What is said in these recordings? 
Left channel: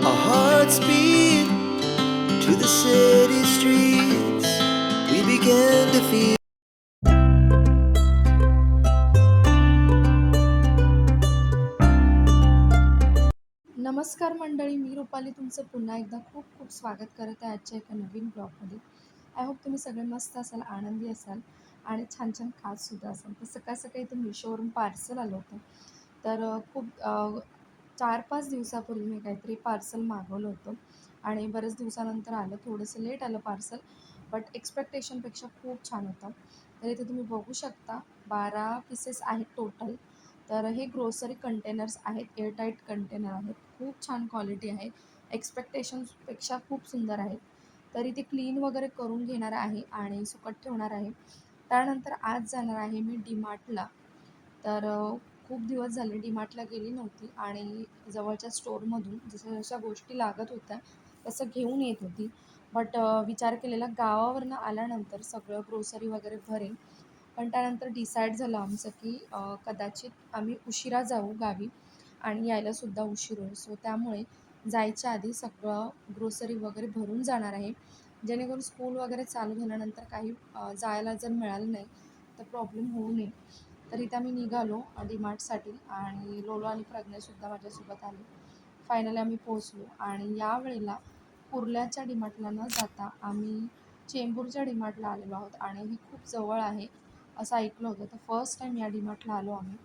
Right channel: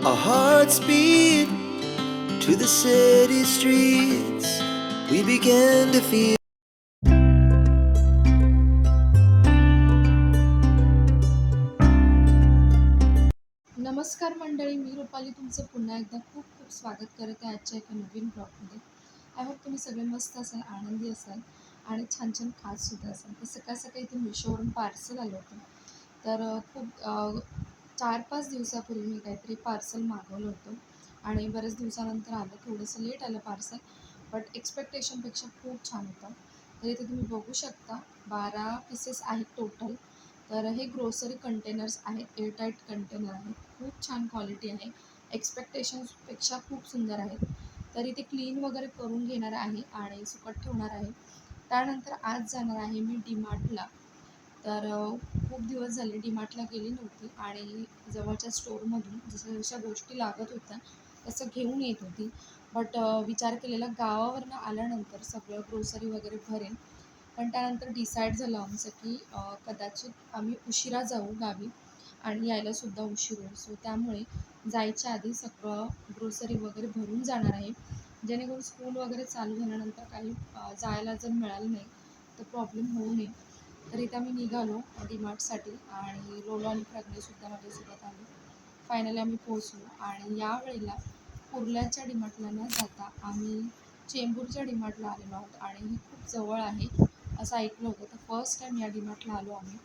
Our hearts beat to the city streets. We began to feel. नमस्कार मंडळी, मी रुपाली तुमचं पुन्हा एकदा खूप खूप स्वागत करत आहे आजच्या एका नवीन ब्लॉगमध्ये. आय होप तुम्ही सगळे मस्त असाल, आनंदी असाल आणि छान छान खातसुद्धा असाल. तर सकाळ सकाळी इथून मिशोवरून पार्सल आलं होतं. तर 4-5 दिवसापूर्वी मी काहीतरी पार्सल मागवलं होतं आणि बरेच दिवसानंतर आलं. थोडंसं लेट आलं पार्सल, बट एक्स्पेक्टेशनपेक्षा खूप छान होतं. तर इथे तुम्ही बघू शकता 12 पीसेस आहेत टोटल. तर हे ग्रोसरी कंटेनर्स आहेत, एअरटाईट कंटेनर आहेत. खूप छान क्वालिटी आहे. एक्स्पेक्टेशन्सपेक्षा खूप सुंदर आहेत. तर इथे क्लीन वगैरे करून घेणार आहे आणि सुकत ठेवणार आहे. त्यानंतर आज जाणार आहे मी डीमार्टला. तर खूप दिवस झाले डीमार्टला गेली नव्हती आणि जवळच्या स्टोअरमधून जशा गोष्टी लागत होत्या तसं घेऊन येत होती. बट विचार केलेला गावावरनं आल्यानंतर सगळं ग्रोसरी वगैरे भरेन. पण त्यानंतर डिसाईड झालं आमचं की कदाचित आम्ही उशिरा जाऊ गावी आणि यायलासुद्धा उशीर होईल. सो त्यामुळे जायच्या आधी सगळं ग्रोसरी वगैरे भरून जाणार आहे. जेणेकरून स्कूल वगैरे चालू झाल्यानंतर काही जायला जर मिळालं नाही तर प्रॉब्लेम होऊ नये. तर इथं आम्ही निघालो डीमार्टसाठी आणि लोलो आणि प्रज्ञासुद्धा माझ्यासोबत आले. फायनली आम्ही पोहोचलो आणि यावेळेला कुर्ल्याच्या डीमार्टला न जाता आम्ही चेंबूरच्या डीमार्टला आलेलो आहोत आणि ही खूप जवळ आहे असं ऐकलं होतं. तर फर्स्ट टाईम या डीमार्टला आलो आम्ही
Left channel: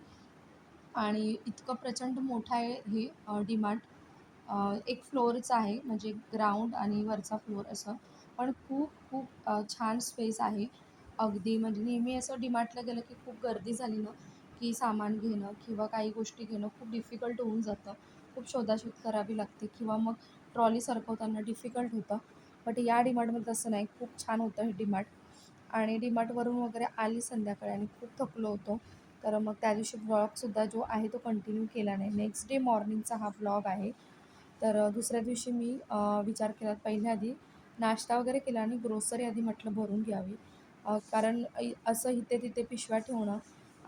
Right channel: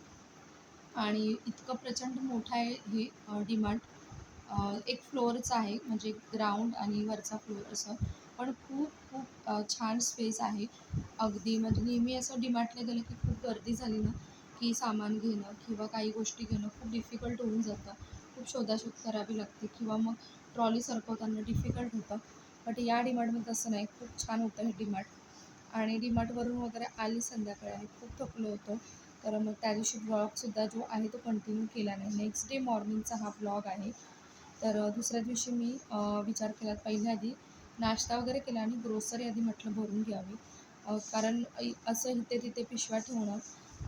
आणि इतकं प्रचंड मोठं आहे हे डीमार्ट. एक फ्लोअरचं आहे म्हणजे ग्राउंड आणि वरचा फ्लोअर असं. पण खूप खूप छान स्पेस आहे. अगदी म्हणजे नेहमी असं डीमार्टला गेलं की खूप गर्दी झाली ना, की सामान घेणं किंवा काही गोष्टी घेणं खूप डिफिकल्ट होऊन जातं. खूप शोधाशोध करावी लागते किंवा मग ट्रॉली सरकवताना डिफिकल्ट होतं. बट या डीमार्टमध्ये तसं नाही. खूप छान होतं हे डीमार्ट. आणि डीमार्टवरून वगैरे आली संध्याकाळी आणि खूप थकलो होतो. तर मग त्या दिवशी ब्लॉगसुद्धा जो आहे तो कंटिन्यू केला नाही. नेक्स्ट डे मॉर्निंगचा हा ब्लॉग आहे. तर दुसऱ्या दिवशी मी विचार केला पहिल्या आधी नाश्ता वगैरे केला आणि ग्रोसरी आधी म्हटलं भरून घ्यावी. कारण असं इथे-तिथे पिशव्या ठेवणं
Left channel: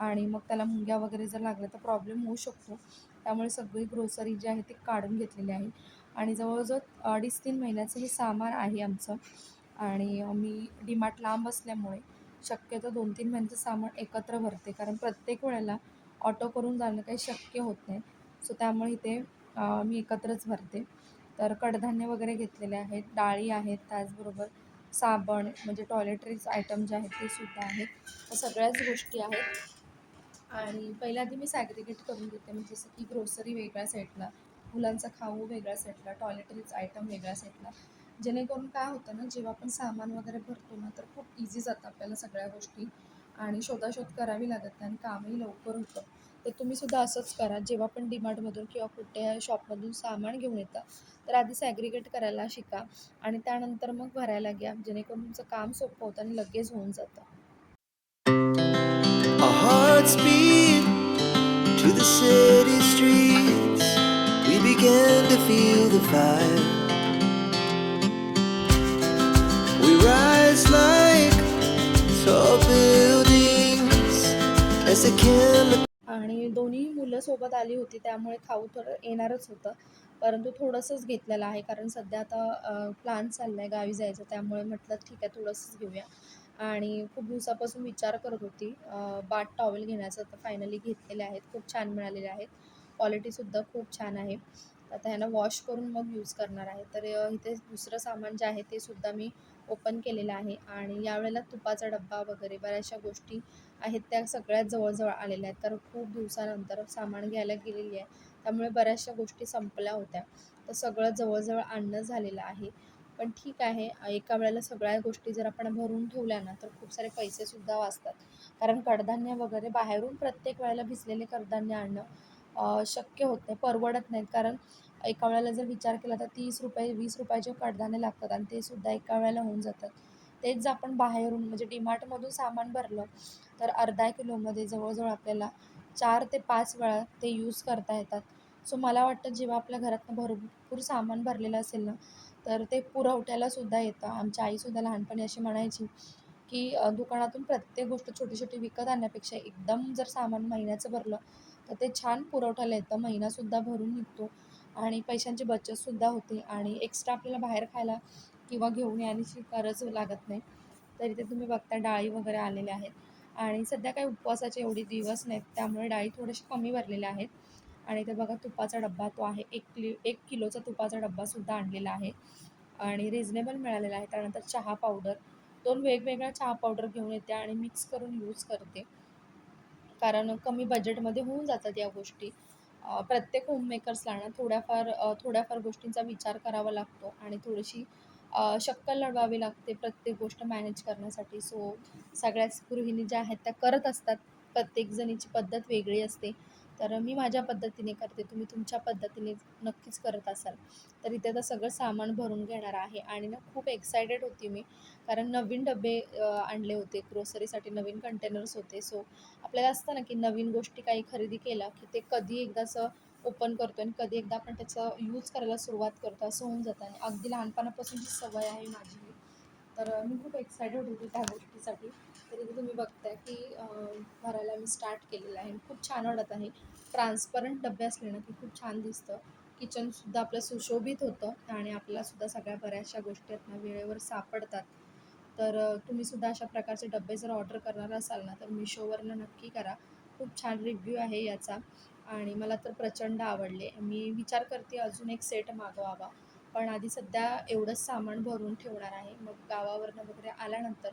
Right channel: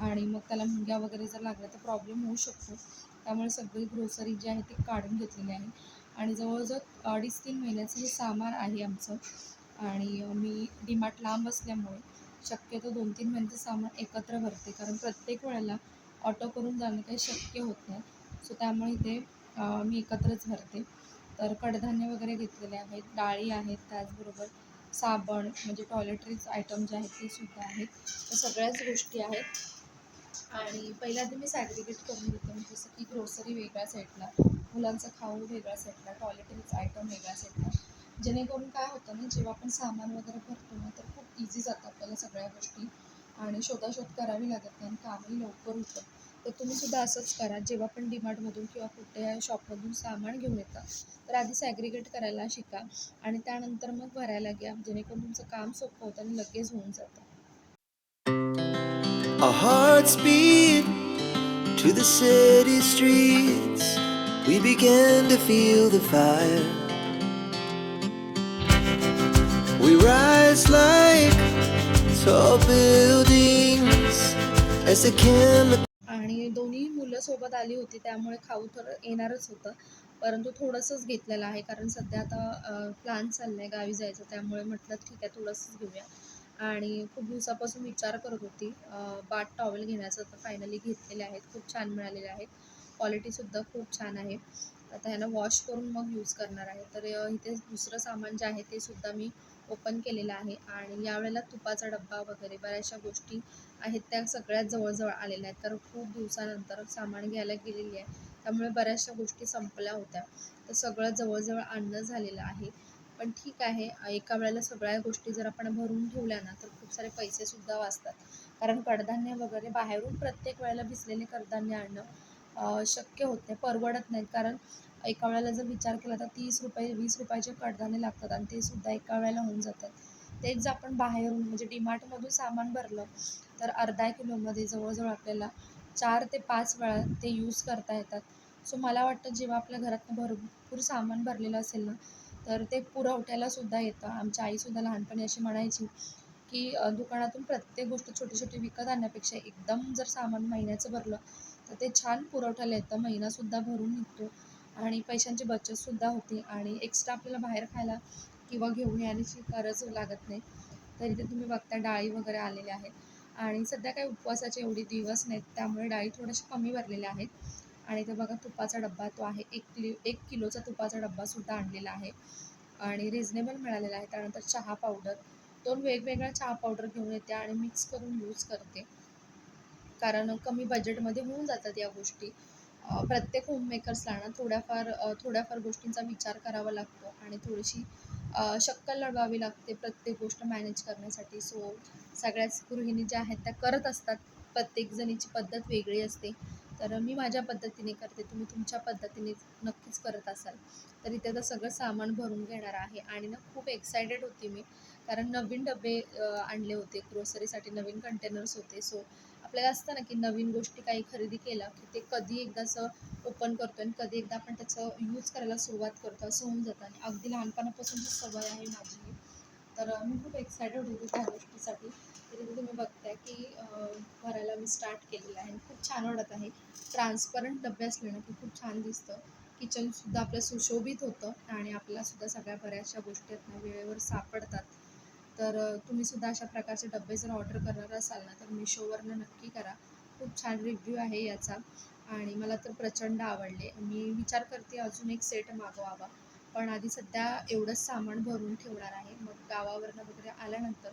आणि मग त्याला मुंग्या वगैरे जर लागल्या तर प्रॉब्लेम होऊ शकतो. त्यामुळे सगळी ग्रोसरी जी आहे ती काढून घेतलेली आहे आणि जवळ-जवळ 2.5-3 महिन्याचं हे सामान आहे आमचं आणि मी डीमार्ट लांब असल्यामुळे शक्यतो 2-3 महिन्याचं सामान एकत्र भरते. कारण प्रत्येक वेळेला ऑटो करून जाणं काही शक्य होत नाही. सो त्यामुळे इथे मी एकत्रच भरते. तर कडधान्य वगैरे घेतलेले आहेत, डाळी आहेत, त्याचबरोबर साबण म्हणजे टॉयलेटरीज आयटम जे आहेत ते सुद्धा आहेत. तर सगळ्याच गोष्टी आहेत आणि पहिल्या आधी मी सॅग्रिगेट करून घेते. म्हणजे जसं की ग्रोसरी वेगळ्या साईडला, मुलांचा खाऊ वेगळ्या साईडला, टॉयलेटरीज आयटम वेगळ्या साईडला. जेणेकरून काय होतं ना, जेव्हा आपण सामान वगैरे भरतो ना, तर खूप इझी जातं आपल्याला सगळ्या गोष्टी आणि शोधाशोध करावी लागत नाही आणि कामही लवकर होतं. तर तुम्हीसुद्धा असंच करा. जेव्हा पण डीमार्टमधून किंवा कुठे शॉपमधून सामान घेऊन येता, तर आधी सॅग्रिगेट करायला शिका आणि त्यानंतर मग भरायला घ्या. जेणेकरून तुमचं काम सोपं होतं आणि लगेच होऊन जातं. Our hearts beat to the city streets. We began to feel the fire. We rise like tall buildings as the chemicals. आणि दोन्ही मुलं सोबत आली होती त्यामुळे खाऊ थोडं येणारच होतं. परंतु थोडंसंच घेतलेलं आहे कारण सध्या आता प्लॅन चालला आहे गावी जायचं त्यामुळे म्हटलं ठीक आहे थोडंसंच घेऊया. आणि खूप दिवसापासून विचार करत होती बाथ टॉवेल घेण्याचा तर फायनली घेतलेले आहेत. खूप छान मिळालेले आहेत. क्वालिटीसुद्धा खूप छान आहे. आता ह्यांना वॉश करून मग यूज करणार आहे. तर इथे दुसरं सामान जे आहे ते सुद्धा मी ओपन केलेलं आहे आणि यावेळेला तुपाचा डब्बा वगैरे बऱ्याचशा गोष्टी आहेत त्या सगळ्यात जवळ-जवळ आलेल्या आहेत. तर खूप दिवसानंतर सामान घ्यायला गेलेली आहे. त्यामुळे बऱ्याचशा गोष्टी संपल्या होत्या. तर सगळं जवळ-जवळ आणणं झालेलं आहे. पण ठीक आहे, एका वेळेला सगळ्या गोष्टी जर आपण भरून ठेवल्या ना, तर खूप सारे पैसेसुद्धा वाचतात. कारण कडधान्य वगैरे बाहेरून प्रत्येक वेळेला भिजलेले कडधान्य आणणं शक्य होत नाही, परवडत नाहीत. कारण एका वेळेला जर विचार केला तर ₹30 ₹20 कडधान्य लागतात आणि ते सुद्धा एका वेळेला होऊन जातात. तेच जर आपण बाहेरून म्हणजे डीमार्टमधून सामान भरलं तर अर्धा किलोमध्ये जवळजवळ आपल्याला 4 ते 5 वेळा ते यूज करता येतात. सो मला वाटतं जेव्हा आपल्या घरातनं भरपूर सामान भरलेलं असेल ना, तर ते पुरवठ्यालासुद्धा येतं. आमची आईसुद्धा लहानपणी अशी म्हणायची, की दुकानातून प्रत्येक गोष्ट छोटी-छोटी विकत आणण्यापेक्षा एकदम जर सामान महिन्याचं भरलं, तर ते छान पुरवठ्याला येतं. महिनासुद्धा भरून निघतो आणि पैशांची बचतसुद्धा होते आणि एक्स्ट्रा आपल्याला बाहेर खायला किंवा घेऊन येण्याची गरज लागत नाही. तर इथे तुम्ही बघता डाळी वगैरे आलेल्या आहेत आणि सध्या काही उपवासाचे एवढे दिवस नाहीत, त्यामुळे डाळी थोड्याशा कमी भरलेल्या आहेत. आणि इथे बघा तुपाचा डब्बा तो आहे 1 किलोचा तुपाचा डब्बासुद्धा आणलेला आहे आणि रिझनेबल मिळालेला आहे. त्यानंतर चहा पावडर, 2 वेगवेगळ्या चहा पावडर घेऊन येते आणि मिक्स करून यूज करते. कारण कमी बजेटमध्ये होऊन जातात या गोष्टी. प्रत्येक होममेकर्सला ना थोड्याफार गोष्टींचा विचार करावा लागतो आणि थोडीशी शक्कल लढवावी लागते प्रत्येक गोष्ट मॅनेज करण्यासाठी. सो सगळ्याच गृहिणी ज्या आहेत त्या करत असतात. प्रत्येक जणीची पद्धत वेगळी असते. तर मी माझ्या पद्धतीने करते, तुम्ही तुमच्या पद्धतीने नक्कीच करत असाल. तर इथे आता सगळं सामान भरून घेणार आहे आणि ना खूप एक्सायटेड होती मी, कारण नवीन डबे आणले होते ग्रोसरीसाठी, नवीन कंटेनर्स होते. सो आपल्याला असतं ना, की नवीन गोष्टी काही खरेदी केल्या, की ते कधी एकदा असं ओपन करतो आणि कधी एकदा आपण त्याचं यूज करायला सुरुवात करतो, असं होऊन जातं आणि अगदी लहानपणापासूनची सवय आहे माझी ही. तर मी खूप एक्सायटेड होते त्या गोष्टीसाठी. तर इथे तुम्ही बघताय, की भरायला मी स्टार्ट केलेलं आहे आणि खूप छान वाटत आहे. ट्रान्सपरंट डबे असले ना, की खूप छान दिसतं. किचनसुद्धा आपलं सुशोभित होतं आणि आपल्यालासुद्धा सगळ्या बऱ्याचशा गोष्टी आहेत ना, वेळेवर सापडतात. तर तुम्हीसुद्धा अशा प्रकारचे डब्बे जर ऑर्डर करणार असाल ना, तर मिशोवरनं नक्की करा. खूप छान रिव्ह्यू आहे याचा आणि मला तर प्रचंड आवडले. मी विचार करते अजून एक सेट मागवावा. पण आधी सध्या एवढंच सामान भरून ठेवणार आहे. मग गावावरनं वगैरे आल्यानंतर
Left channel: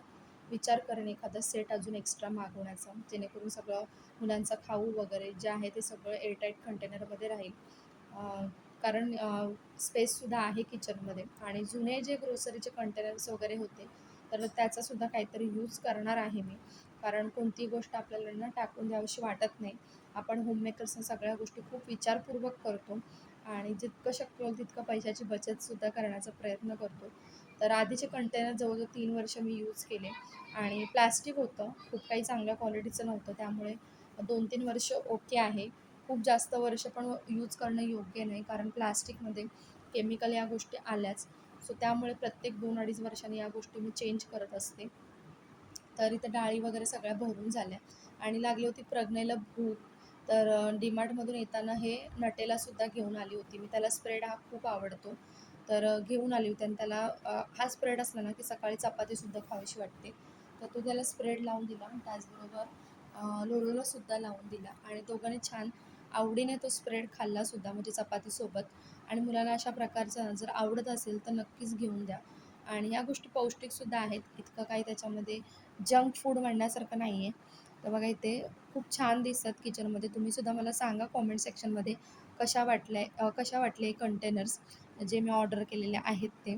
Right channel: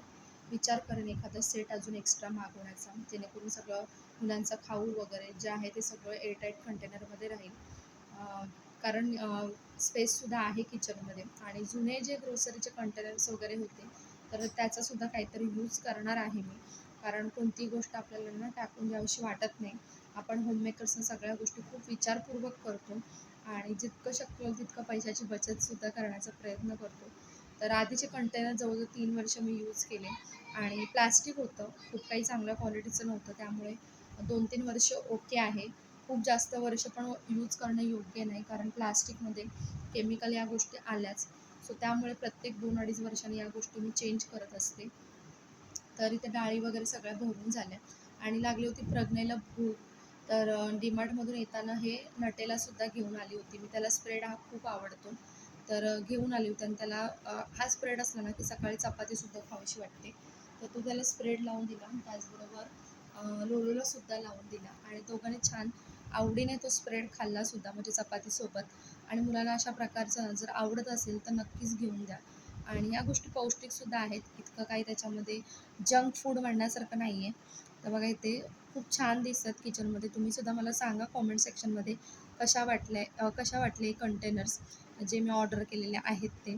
विचार करेन एखादा सेट अजून एक्स्ट्रा मागवण्याचा, जेणेकरून सगळं मुलांचं खाऊ वगैरे जे आहे ते सगळं एअरटाईट कंटेनरमध्ये राहील. कारण स्पेससुद्धा आहे किचनमध्ये आणि जुने जे ग्रोसरीचे कंटेनर्स वगैरे होते, तर त्याचासुद्धा काहीतरी यूज करणार आहे मी. कारण कोणतीही गोष्ट आपल्याला ना टाकून द्यावीशी वाटत नाही. आपण होममेकर्सना सगळ्या गोष्टी खूप विचारपूर्वक करतो आणि जितकं शक्य होईल तितकं पैशाची बचतसुद्धा करण्याचा प्रयत्न करतो. तर आधीचे कंटेनर जवळजवळ 3 वर्ष मी यूज केले आणि प्लास्टिक होतं, खूप काही चांगल्या क्वालिटीचं नव्हतं. त्यामुळे 2-3 वर्ष ओके आहे. खूप जास्त वर्ष पण यूज करणं योग्य नाही, कारण प्लास्टिकमध्ये केमिकल या गोष्टी आल्याच. सो त्यामुळे प्रत्येक 2-2.5 वर्षांनी या गोष्टी मी चेंज करत असते. तर इथे डाळी वगैरे सगळ्या भरून झाल्या आणि लागली होती प्रज्ञेला भूक. तर डीमार्टमधून येताना हे नटेलासुद्धा घेऊन आली होती. मी त्याला स्प्रेड हा खूप आवडतो. तर घेऊन आली होती आणि त्याला हा स्प्रेड असला ना, की सकाळी चपातीसुद्धा खावीशी वाटते. तर तो त्याला स्प्रेड लावून दिला. त्याचबरोबर लोलोलासुद्धा लावून दिला आणि दोघांनी छान आवडीने तो स्प्रेड खाल्लासुद्धा, म्हणजे चपातीसोबत. आणि मुलाला अशा प्रकारचं जर आवडत असेल तर नक्कीच घेऊन द्या. आणि ह्या गोष्टी पौष्टिकसुद्धा आहेत. इतकं काही त्याच्यामध्ये जंक फूड म्हणण्यासारखं नाही आहे. तर बघा इथे खूप छान दिसतात किचनमध्ये. तुम्हीसुद्धा मला सांगा कॉमेंट सेक्शनमध्ये कशा वाटले कंटेनर्स जे मी ऑर्डर केलेले आहेत ते.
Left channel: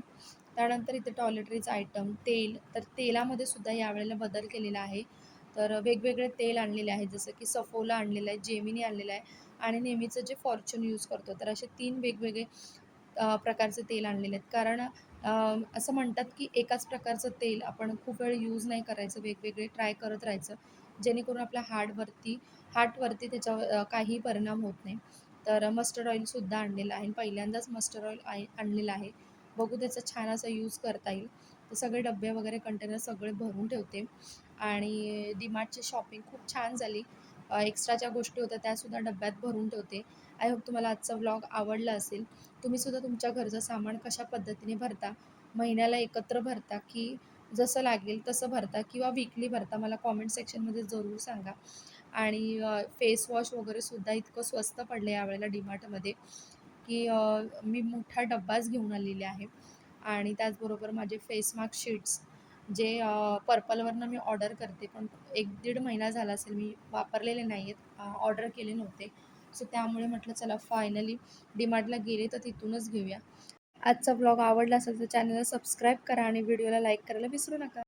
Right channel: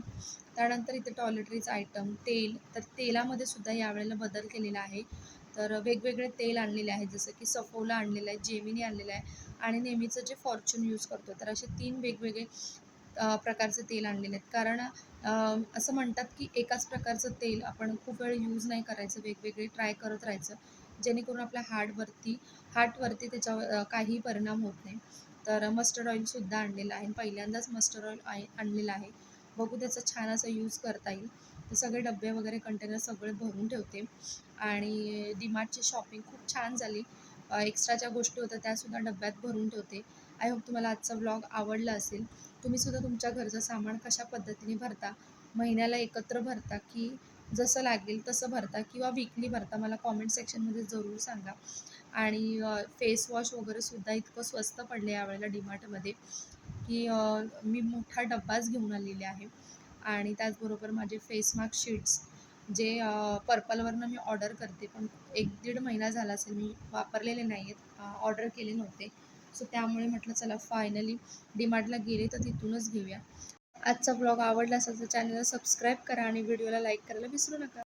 त्यानंतर इथे टॉयलेटरीज आयटम, तेल, तर तेलामध्ये सुद्धा यावेळेला बदल केलेला आहे. तर वेगवेगळे तेल आणलेले आहेत, जसं की सफोला आणलेलं आहे, जेमिनी आणलेलं आहे आणि नेहमीचं जे फॉर्च्यून यूज करतो. तर असे 3 वेगवेगळे प्रकारचे तेल आणलेले आहेत. कारण असं म्हणतात की एकाच प्रकारचं तेल आपण खूप वेळ यूज नाही करायचं, वेगवेगळे ट्राय करत राहायचं, जेणेकरून आपल्या हार्टवरती त्याचा काही परिणाम होत नाही. तर मस्टर्ड ऑइलसुद्धा आणलेलं आहे. पहिल्यांदाच मस्टर्ड ऑइल आणलेलं आहे. बघू त्याचा छान असा यूज करता येईल. ते सगळे डब्बे वगैरे कंटेनर सगळे भरून ठेवते आणि डीमार्टची शॉपिंग खूप छान झाली. एक्स्ट्रा ज्या गोष्टी होत्या त्यासुद्धा डब्यात भरून ठेवते. आय होप तुम्हाला आजचा व्लॉग आवडला असेल. तुम्हीसुद्धा तुमच्या घरचं सामान कशा पद्धतीने भरता? महिन्याला एकत्र भरता की जसं लागेल तसं भरता किंवा वीकली भरता? मला कॉमेंट सेक्शनमध्ये जरूर सांगा. आणि फेस वॉश वगैरेसुद्धा इतकं स्वस्त पडलं यावेळेला डीमार्टमध्ये, की मी मोठा डब्बाच घेऊन आलेले आहे. आणि त्याचबरोबर माझे फेस मास्क शीट्स जे पर्पलवरनं मी ऑर्डर करते, पण 1-1.5 महिना झाला असेल मी वापरलेले नाही आहेत, ऑर्डर केले नव्हते. सो त्यामुळे म्हटलं चला फायनली डीमार्टला गेले तर तिथूनच घेऊया. आजचा ब्लॉग आवडला असेल तर चॅनलला सबस्क्राईब करा आणि व्हिडिओला लाईक करायला विसरू नका.